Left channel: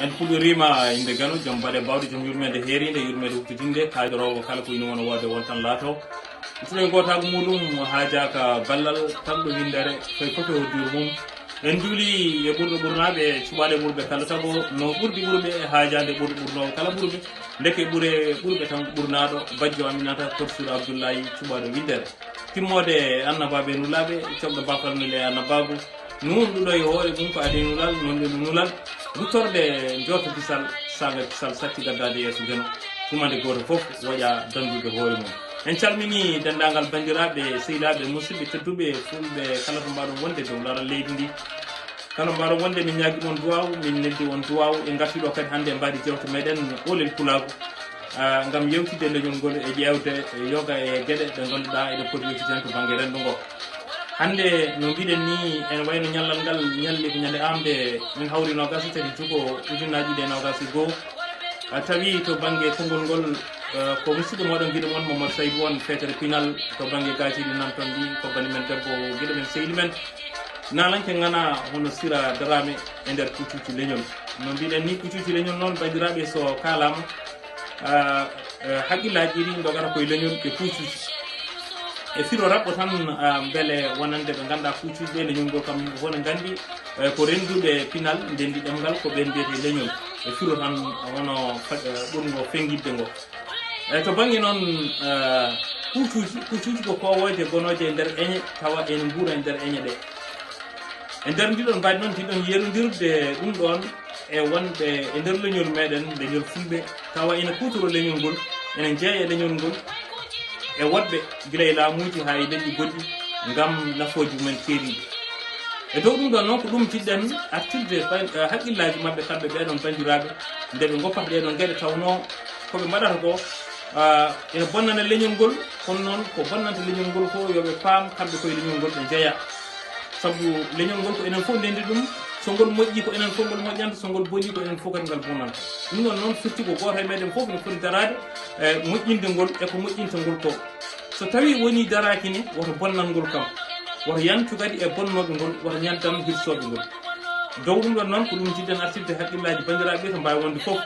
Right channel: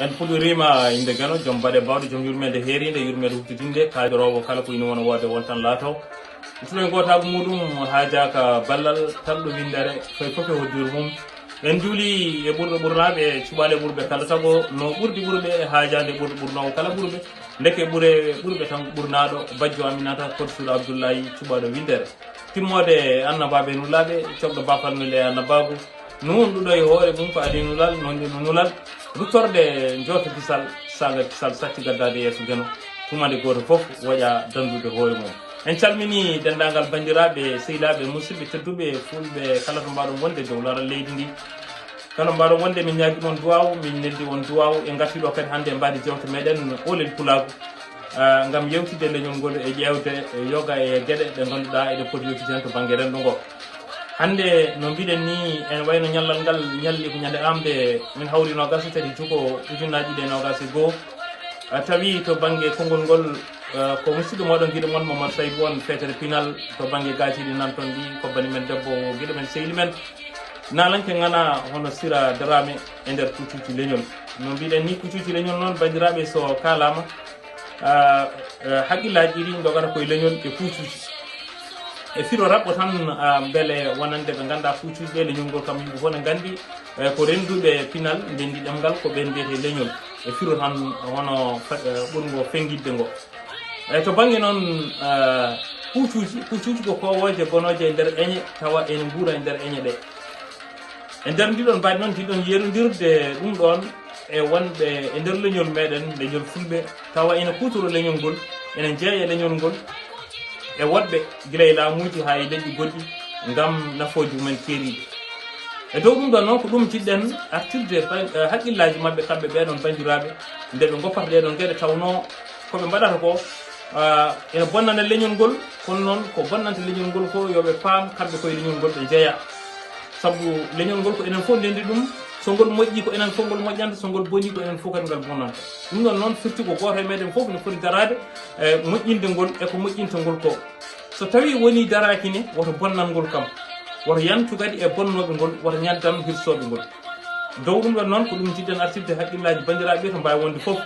en puɗɗorima inde gano joom baɗe bawɗe joom yurmede heeride yurmede huftitinde kaydorowo kala ko ina wona wode wontan laataw ituɗo gotago muɗum haajaka ballal tanɗo windere koye foof e hoddiru mum en juuli e ɓurɓe ɓurnaɓe cuɓaɗe ɓurɓe kala saago no ɓurdi ɓurɓe e haajade ɓurɗo ɓurnowo kala ɓurɓe deke ɓurɓe tan ɓurnaɗo bajjo aminata korsuɗo abdoullahi cuɓaɗo windere timmode annabaɓe nulaɓe coɓɗo bafalnule annabagu nunɗuɗo e hoore mum ko adi nulal nonde no nulal ruttorde jooto kisal saga kisal sacci gaddade yeeso geno tumade goto foof waɗa dandude hoore mum en calmini dendagal bandiraɓe sehilaɓe musidɓe tedduɓe fulɓe kala to mbaɗon wonde dow laral leydi ndi kala mbaɗon wonde min ñaguimon duwaw min neddi on duwaw e gartiɗo kadi hannde e mbaɗi jewte meɗen ɓoolel pulago gam yewtide leñol ngol e ƴewde yoga e gueɗe ɗe ganduɗa eɗe poti yewtiden to banggue renɗo ngo hande no mbiɗen ni en wayno ñallal ngal ñalli ko ñande amde min hawri nogas tati juko ujunnaji ɗe nogas e goho tawi to banggue konngol ngol ko musidɗo moɗon guiɗo moon Mamadou Saydou won fetere pinal to banggue gajiɗi nan toon ɗi ko bani men debbo guiɗo men sehli men nalanke gana hono sira darame e nder kuccuci leñol no mbiɗen ni kuccuci leñol noon bandiraɓe so kalama haqqillaji ɗi dogata koye leñol e kuccuci e firo raɓɓo tan beele wonande ɓe ganduɗa kuccuji ɗe leñol ngol kam wona gandi ko renduɓe pinal ndendi ɗemgal ko ɓen mbiyete leñol e firo tan wono ɓurgo fengidde ngo to banggue noon kuccuji ko kowoje gonoje e nder eñe tawa ene guura e nder eñe ɗe e nder ndiɗon mbaɗi noon ndiɗon yerodirde ɗum ɗon e wonɓe e nder leñol meɗen leñol fulɓe tawa ene kutoro leñol ngol ene jeeya leñol ngol e woɗɓe guila e laamuji ha e leƴƴi goɗɗi gam nafoji mumen keeriɗi e dow ɗum ɗon noon ko ɗum jiɗɗen artirde haqqillaji mabɓe kamɓe ɓeɗon bandiraɓe nde ɓe goppata ɗeɗon gueɗe tawno koɓe mbaɗata ko ene bonnana leñol ngol kono noon ko bonnanta leñol ngol ko yoɓe paam kamɓe koye leñol ngol ɓe jeeya saabu leñol ngol ko enen fof ndendi ɗum so ngol moƴƴi ko enen fof ngol moƴƴanta so ngol boni ko enen fof kadi ngal bonnanta ɗum ɗon noon firti ko goto e meɗen fof ne foti darade moƴƴinde ngol eko moƴƴinta ngol ko so tawi woni daraki ni woto bonnal ngol kam woto yantu kadi e bonnoɓe ngol woto ñaddam hirsoɓe ngol dow ɗum ɗon noon ko ɗum jiɗɗen artirde haqqillaji bandiraɓe to mbawi wonde foof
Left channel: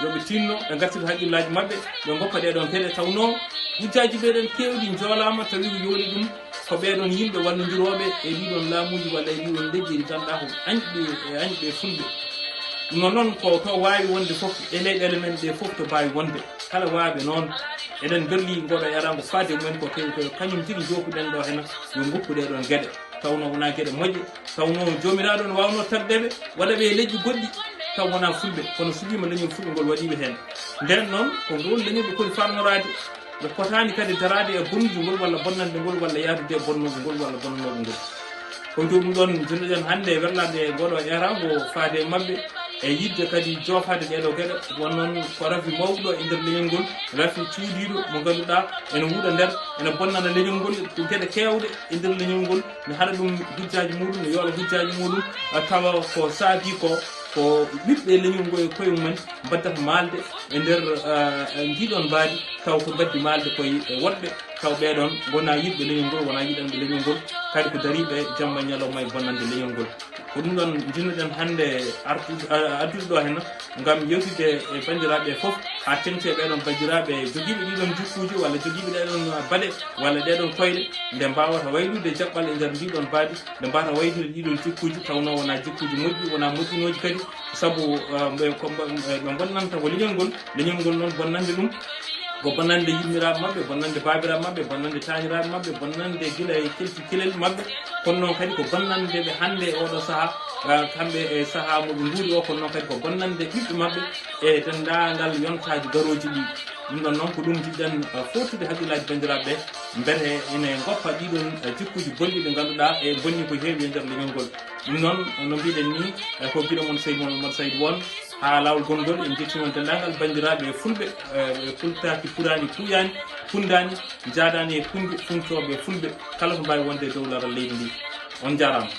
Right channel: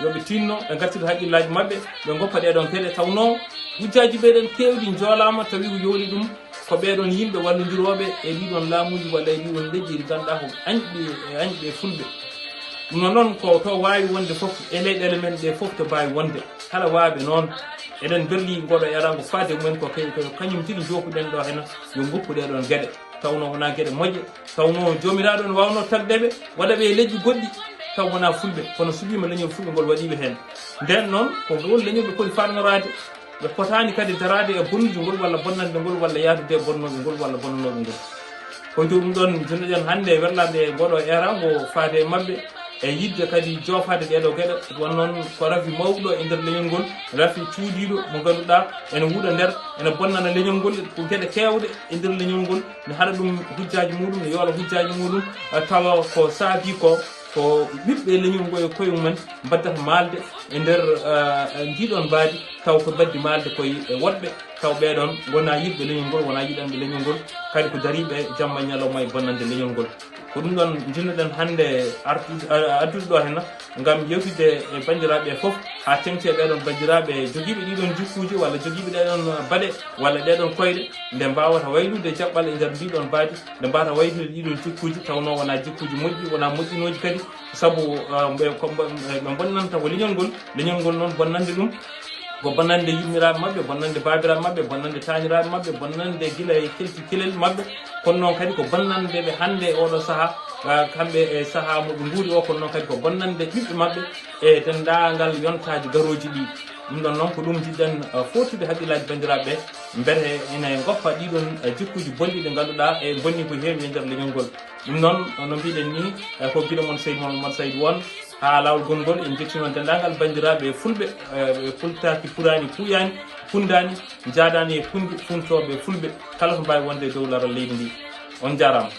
yoɓe tinno ɓe gartida haqqillaji mabɓe ɓe goppa ɗeɗon gueɗe tawno hujjaji ɓeɗen kewɗi joolama tawi ko yooli ɗum ko ɓeɗon yimɓe wallodiroɓe e ɗiɗon laamuji walla e ɗiɗon leƴƴi ɗi ganduɗa ko añɓe fulɓe ɗum noon noon ko to wawi wonde foof e leyɗele men ɗe foof to mbawi wonde kala waɓe noon eɗen berli ngoɗo erago faade mumen ko kewi ko kañum tigi jopuɗen ɗo hena yo goppu ɗeɗon gueɗe tawno wona gueɗe moƴƴe tawno jomiraɗo ne wawno tagdeɓe waɗaɓe e leƴƴi goɗɗi taw wona fulɓe kono suɓima leñol fulɓe ngol waɗiɓe hen nden noon ko ngol leñol ɓe poti farnorade ɓe fotani kadi darade e bonnude ngol walla bonnande ngol walla yadude e bonnoɓe ngol walla bonnanoɓe ngol koye dow ɗum ɗon jonnuɗen hannde werlade e ngoɗo era ngo faade e mabɓe e yidde kadi jofade ɗeɗo gueɗe won noon ko rafi mawɗo e nder leñol ngol rafi cuuɗiɗo mo ganduɗa ene wuuɗa nder ene bonnana leñol ngol ko gueɗe kewɗe e nder leñol ngol ne haɗa ɗum hujjaji muɗum ne yoola hujjaji muɗum tawa ko saabi ko ɓiɓɓe leñol ngo e koye mumen mbaddata maalde e nder ndiɗon mbaadi taw ko mbaddi maalde koye woɗɓe taw ɓeɗon wona yiɗɓe leñol ngol wona yiɗanɓe leñol ngol kadi ko dariɓe jamma ñalawma e bonnande leñol ngol ko ɗum ɗon jinnoɗen hannde addude ɗo henna gam yewtide e bandiraɓe foof ha tengte ɓeɗon bandiraɓe joguiɓe ɗiɗon jukkuji walla joguiɓe ɗeɗon baɗe walla ɗeɗon koyɗe nde mbawata waylude jaɓɓal e nder ndiɗon mbaadi nde mbawata waylude ɗiɗon jikkuji tawno wona jikkuji moƴƴi wona moƴƴinoji kadi saabu ɓe bonnanta ko leñol ngol noon bonnande ɗum ko bonnande yummiraɓe mabɓe bonnande babiraɓe mabɓe bonnande tañiraɓe mabɓe bonnande guila e kelti kilel mabɓe kono noon kadi ko bonnande ɓe hannde oɗo saaha kamɓe e saaha moɓe guuri o kono noon kadi ko bonnande ɓiɓɓe mabɓe e dendagal yontaji garoji ɗi ɗum ɗon noon ko ɗum jiɗɗen fottude haqqillaji bandiraɓe ɓe beete ene goppa ɗiɗon jikkuji bonɗi ɗe ganduɗa e bonni ko heewi e nder leñol ngol ɗum noon no mbiɗen ni ko guila moon Seydou Mamadou Saydou won ha lawol gongol en jetti noon dendagal bandiraɓe e fulɓe ɓe pultaki purani kuyani fundani jadani e pundi funtoɓe fulɓe kala ko mbawi wonde e dow laral leydi ndi on jarama.